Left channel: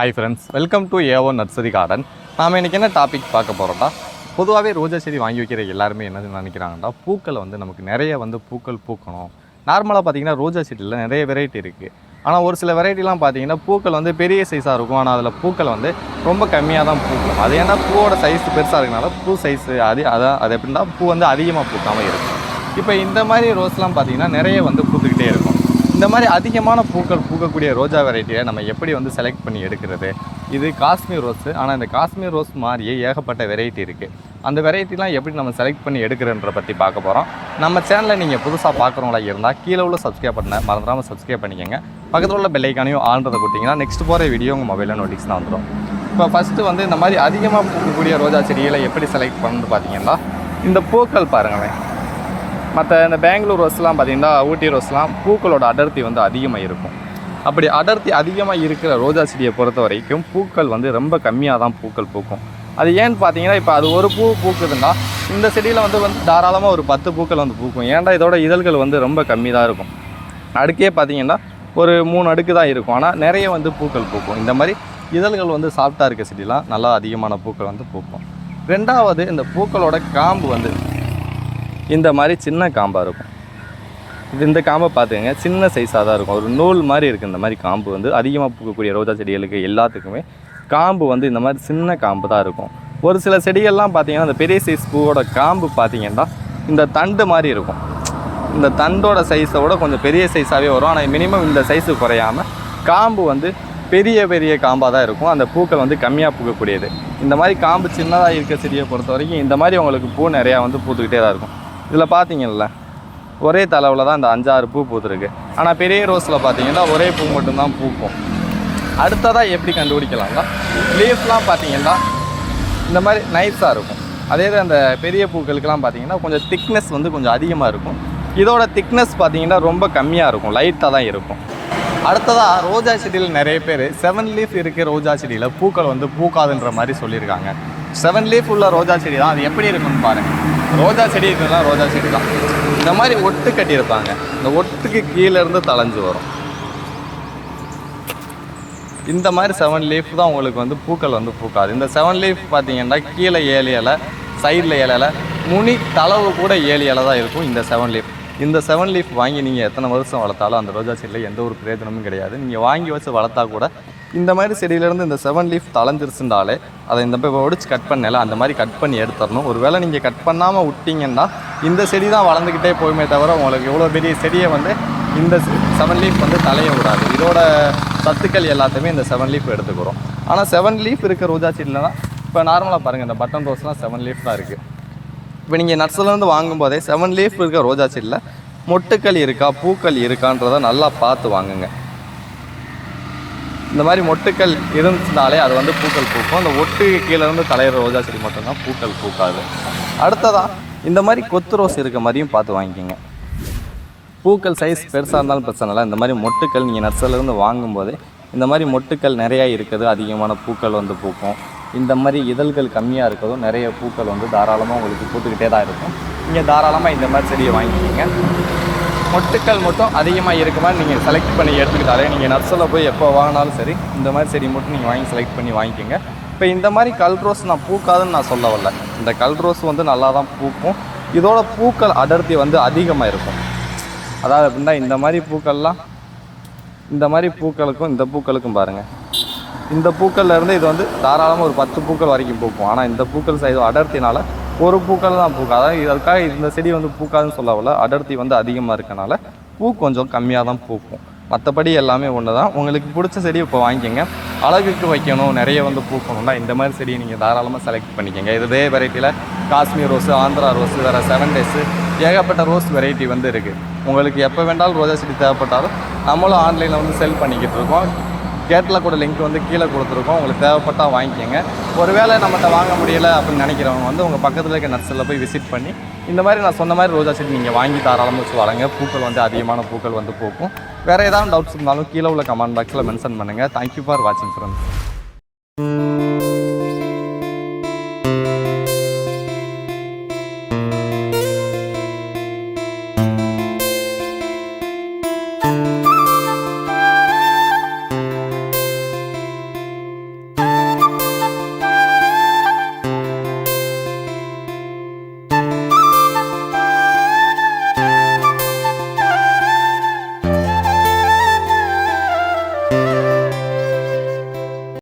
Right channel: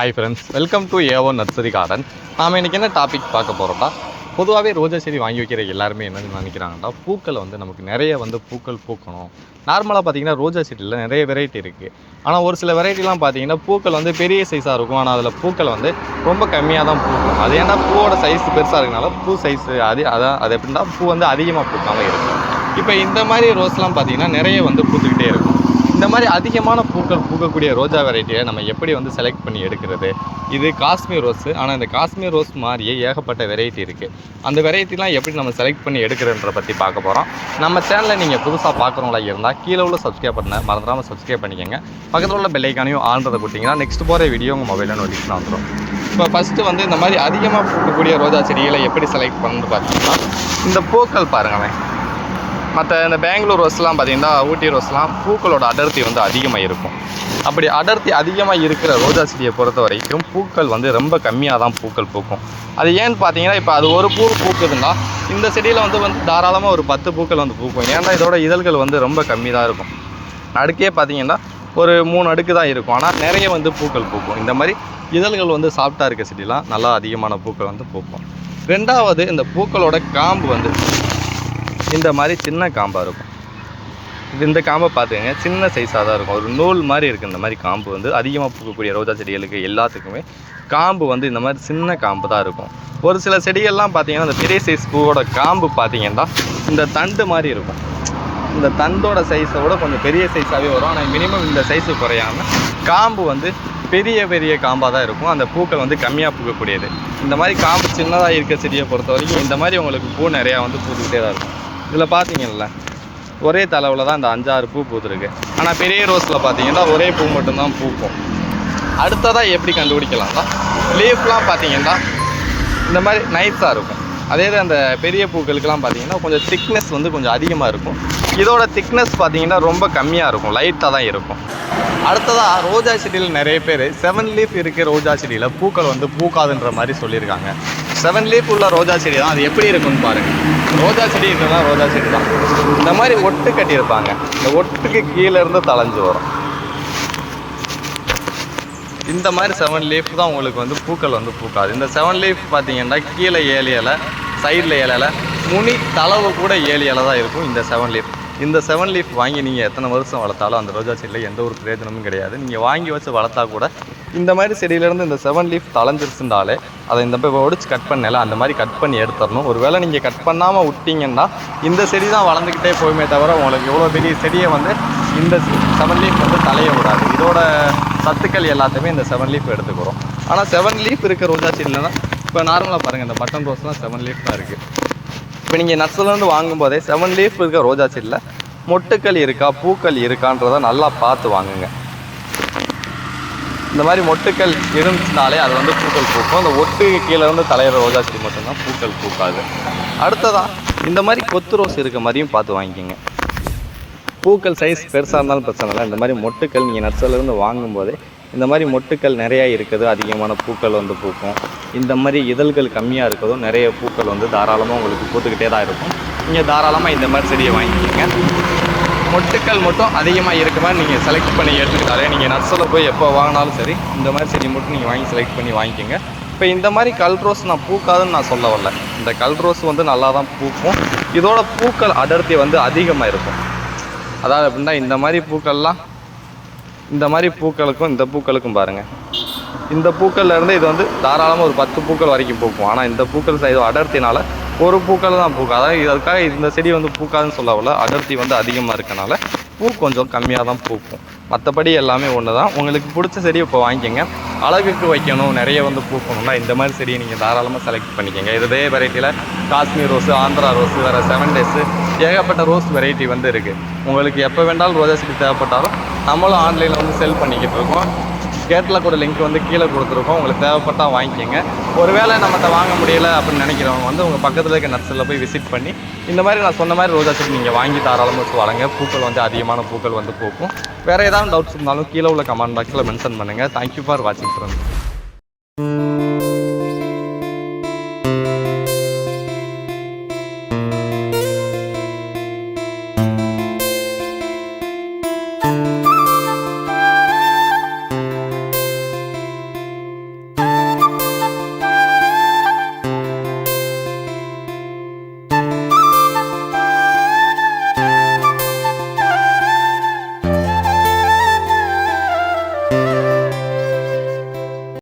Hi friends, welcome to AO nursery garden. நாம் இன்றைக்கி என்ன டாபிக் பார்க்க போகிறோம்னா, பொதுவாகவே ரோஜா செடி வாங்கி வைக்கிற எல்லாருமே என்ன நினைக்கிறாங்கன்னா, பூக்கள் நமக்கு நிறைய பூக்கள் பூக்கணும். நார்மலாக பார்த்தீங்கன்னா ரோஜா செடியில் நிறைய வெரைட்டி இருக்குது. ஆனால் ஒரு சில வெரைட்டிலாம் பார்த்தீங்கன்னா பூக்கள் பெரிய சைஸாக இருக்கும். ஆனால் அதில் பூக்கள் ரொம்ப கம்மியாக தான் பூக்கும். அது ஏன்னா பூவோட சைஸ் பெருசாக இருக்கனால பூ சைஸ் அது எப்படின்னா பூ அதிகமாக பூக்காமல் இருக்கும். இப்போ இந்த மாதிரி ரோஸ்லாம் பார்த்தீங்கன்னா நிறைய பூத்துக்கிட்டே இருக்கும். இந்த மாதிரி அதிகமான பூக்கள் பூக்கக்கூடிய ரோஜா வெரைட்டியை நம்ம எப்படி செலக்ட் பண்ணி எடுக்கிறது? இது காஷ்மீர் ரோஸு. ஆனால் இந்த காஷ்மீர் ரோஸ் மாதிரியே ஏகப்பட்ட வெரைட்டி இருக்குது. அந்த வெரைட்டிலாம் எப்படி நம்ம செலக்ட் பண்ணி எடுக்கிறன்ற பற்றி பார்க்க போகிறோம். நம்ம சேனலில் நீங்கள் புதுசாக பார்க்குறவங்களா இருந்தால் கீழே உள்ள சப்ஸ்கிரைப் பண்ண மறந்துடாமல் சப்ஸ்கிரைப் பண்ணிக்கோங்க. பக்கத்தில் உள்ள பெல் ஐக்கானையும் ஆன்றதை கொடுத்தீங்கன்னா நெக்ஸ்ட் போகிற வீடியோ உங்கள் மொபைலில் நோட்டிஃபிகேஷன் வந்துடும். இப்போ ஃபஸ்ட்டு இந்த மாதிரி அதிகமாக பூக்கக்கூடிய ரோஜா செடிகளை எப்படி செலக்ட் பண்ணணும்னு பார்த்தீங்கன்னா, இந்த பூக்கள் பாருங்களேன். மற்ற இந்த பெங்களூர் ரோஸ்லாம் பார்த்திங்கன்னா, ஊட்டி ரோஸ்லாம் பூக்களோட அடர்த்தி அதிகமாக இருக்கும். அப்படி அடர்த்தி அதிகமாக இருக்கிற ரோஜா செடியை பொறுத்த வரைக்கும் பூக்கள் ரொம்ப கம்மியாக தான் பூக்கள் பூக்கும். அது ஏன்னு பார்த்தீங்கன்னா, இப்போ அது ஒரு பூ பூக்குதுன்னா இந்த செடியில் தாராளமாக ஒரு 10 பூக்கள் பூக்கும். ஏன்னா இதோட இதழ்கள் ரொம்ப கம்மி தான் இருக்கும். அடுக்கே பார்த்திங்கன்னா ஒரு 3 அடுக்கு தான் இருக்கும். ஆனால் நிறைய பூக்கள் பூக்கும். இந்த மாதிரி இதழ்கள் சாஃப்டாக இருக்க செடிலாம் நல்லா அதிகமான பூக்கள் பூக்கும். ரெண்டாவது, இந்த பூக்களோட காம்பு இந்த மாதிரி சின்ன காம்பாக இருக்கும். இந்த காம்பை பார்த்துக்கங்க, சின்ன சைஸாக தான் இருக்கும். ஒரு நூல் மாதிரி இருக்குது. இந்த மாதிரி காம்பு அதிகமாக பூக்கக்கூடிய ரோஜா செடிகளுக்கு எல்லாத்துக்குமே காம்பு இந்த மாதிரி சின்ன காம்பு தான் இருக்கும். ஒரு சில செடிகள்லாம் பார்த்திங்கன்னா இந்த பெரிய சைஸ் பூவோட காம்பு பார்த்திங்கன்னா இந்த தண்டு மாதிரி இருக்கும். இந்த தண்டோட சைஸை விட கொஞ்சம் பெரிய சைஸாகவே வரும். ஆனால் மினிமம் இந்த சைஸு குறையாமல் காம்பு பெரிய பெரிய காம்பாக தான் இருக்கும். அந்த பூக்கள் கம்மியாக பூக்கக்கூடியது. இந்த மாதிரி காம்பு சின்னதாக இருக்க செடியை பொறுத்த வரைக்கும் இந்த மாதிரி உங்களுக்கு பூ நிறையா பூத்துக்கிட்டே தான் இருக்கும். இதில் பார்த்தீங்கல்ல, ஒரே தலைவில் தான் இந்த 5-6 பூ பூத்துருக்கு. ஆனால் பெரிய ரோஸில் பார்த்தீங்கன்னா ஒரே பூ மட்டும்தான் பூக்கும். அடுத்ததாக எப்படி கண்டுபிடிக்கலாம்னா, லீஃப்லாம் பார்த்தீங்கன்னா இந்த மாதிரி நைஸாக இருக்கும். அதே அந்த பெரிய பூக்களுக்கெல்லாம் பார்த்தீங்கன்னா கொஞ்சம் திக்னஸ் கொஞ்சம் அதிகமாக இருக்கும். இதோட திக்னஸ் பார்த்தீங்கன்னா ரொம்ப கம்மியாக இருக்கும், லைட்டாக தான் இருக்கும். அடுத்ததாக ரோஜா செடியில் நிறைய பேர் 7 லீஃப் இருக்கிற ரோஜா செடியில் பூக்கள் பூக்காதுன்ற மாதிரி சொல்லியிருக்காங்க. 7 லீஃப் உள்ள ரோஜா செடி தான். அது எப்படி இருக்குன்னு பாருங்கள். ரோஜா செடி இதெல்லாம் ரோஜா செடி தான். இந்த மாதிரி ஒட்டு கட்டியிருப்பாங்க. இந்த ஒட்டுக்கு கீழேருந்து தளைஞ்சு வரும். இந்த மாதிரி 7 லீஃப் தான் உங்களுக்கு பூக்கள் பூக்காது. இந்த 7 லீஃப் பார்த்தீங்கன்னா கீழே 7 இலை, சைடில் 7 இலை, நுனி தளவு கூட 7 இலை தான் இருக்கும் இந்த 7 லீஃப். இந்த 7 லீஃப் வாங்கி நீங்கள் எத்தனை வருஷம் வளர்த்தாலும் அந்த ரோஜா செடியில் எந்த ஒரு பிரயோஜனமும் கிடையாது. நீங்கள் வாங்கி வச்சு வளர்த்தா கூட இந்த மாதிரி செடியிலேருந்து இந்த 7 லீஃப் தளைஞ்சிருச்சுனாலே அதை இந்த போய் ஒடிச்சு கட் பண்ணல அந்த மாதிரி கட் பண்ணி எடுத்துடணும். ஒரு வேளை நீங்கள் கட் பண்ணாமல் விட்டிங்கன்னா இந்த செடி தான் வளர்ந்துக்கிட்டே போகுமே தவிர உங்களுக்கு எவ்வளோ பெரிய செடியை இந்த 7 லீஃப் தலைய விடாது. இதோட சத்துக்கள் எல்லாத்தையுமே இந்த 7 லீஃப் எடுத்துக்கிறோம். ஆனால் 7 லீஃப் இருக்க ரோஜா செடியில்னா இப்போ நார்மலாக பாருங்கள், இந்த பட்டன் ரோஸ்லாம் 7 லீஃப் தான் இருக்குது. இப்போ நீங்கள் நர்சரிலேருந்து வாங்கும்போதே 7 லீஃப் இருக்க ரோஜா செடியில் மொட்டுக்கள் இருக்கா பூக்கள் இருக்கான்றதை நல்லா பார்த்து வாங்குங்க. இந்த மாதிரி மொட்டுக்கள் இருந்துச்சுனாலே அது பூக்கள் பூக்கும். இந்த ஒட்டுக்கு கீழேருந்து தலையிற ரோஜா செடி மட்டும்தான் பூக்கள் பூக்காது. அடுத்ததான் இந்த மாதிரி கொத்து ரோஸ் இருக்க மாதிரியும் பார்த்து வாங்கிக்கிங்க. பூக்கள் சைஸ் பெருசாக இருந்தாலும் பிரச்சனை இல்லை. இந்த மாதிரி மொட்டுக்கள் நீங்கள் நர்சரிலேருந்து வாங்கும்போதே இந்த மாதிரி மொட்டுக்கள் நிறையா இருக்குது, அதிகமான பூக்கள் பூக்கும். இந்த மாதிரி இதழ்கள் கம்மியாக இருக்கிறதும் நிறைய பூக்கள் தாராளமாக உங்களுக்கு பூத்துக்கிட்டே தான் இருக்கும். நீங்கள் தாராளமாக இந்த மாதிரி செடியை வாங்கிக்கிங்க. மொட்டுக்கள் மட்டும் அதிகமாக இருக்க மாதிரி நீங்கள் செலக்ட் பண்ணி எடுத்துக்கிட்டாலே நீங்கள் நர்சரியில் போய் எப்போ வாங்கினாலும் சரி இந்த மாதிரி செடி மட்டும் நீங்கள் வாங்கி செலக்ட் பண்ணி வாங்கிக்கோங்க. இப்போ இந்த மாதிரி கல் ரோஸ் நான் பூக்காதுன்னு நான் சொல்ல வரல. இந்த கல் ரோஸ் நல்லா தான் பூக்கும். இதோட பூக்கள் அடர்த்தி அதிகமாக இருக்கும். அதாவது அப்படின்னா இந்த மாதிரி பூக்கள்லாம் இந்த மாதிரி பூக்களுக்கும் இந்த பூக்களுக்கும் பாருங்கள், இந்த பூக்கள்லேருந்து இது தாராளமாக ஒரு 10 பூக்கள் வரைக்கும் பூக்கும். ஆனால் இந்த பூக்கள் சைடு அடர்த்தினால ஒரு பூக்கள் தான் பூக்கும். அதாவது இதற்காக இந்த செடி பூக்காதுன்னு சொல்லவில்லை. அடர்த்தி அதிகமாக இருக்கனால பூ கொஞ்சம் கம்மியாக தான் பூக்கும். மற்றபடி எல்லாமே ஒன்று தான். உங்களுக்கு பிடிச்ச செடியை இப்போ வாங்கிக்கோங்க. அழகுக்கு வைக்கணும், நிறைய பூக்கணும்னா இந்த மாதிரி செடியை நீங்கள் தாராளமாக செலக்ட் பண்ணிக்கோங்க. இதே வெரைட்டியில் காஷ்மீர் ரோஸு, ஆந்திரா ரோஸு, வேறு 7 டேஸு ஏகப்பட்ட ரோஸ் வெரைட்டி இருக்குது. உங்களுக்கு எப்போ வேண்டாலும் ரோஜா செடி தேவைப்பட்டாலும் நம்மளும் ஆன்லைனில் செல் பண்ணிக்கிட்டு இருக்கோம். கேட்டில் கூட லிங்க் கீழே கொடுத்துருக்கோம். உங்களுக்கு தேவைப்பட்டால் வாங்கிக்கோங்க. ஒருவேளை நம்மகிட்ட வாங்க முடியலை அப்படின்னு நினைக்கிறவங்க உங்கள் பக்கத்தில் இருக்க நர்சரியில் போய் விசிட் பண்ணி இந்த மாதிரி நான் சொன்ன மாதிரி ரோஜா செடி நீங்கள் வாங்கி தாராளமாக வச்சு வளங்க. பூக்கள் அதிகமான பூக்கள் பூக்கும். வேறு ஏதாவது டவுட்ஸ் இருந்தாலும் கீழே உள்ள கமெண்ட் பாக்ஸில் மென்ஷன் பண்ணுங்கள். தேங்க்யூ ஃபார் வாட்சிங் ஃப்ரெண்ட்ஸ்.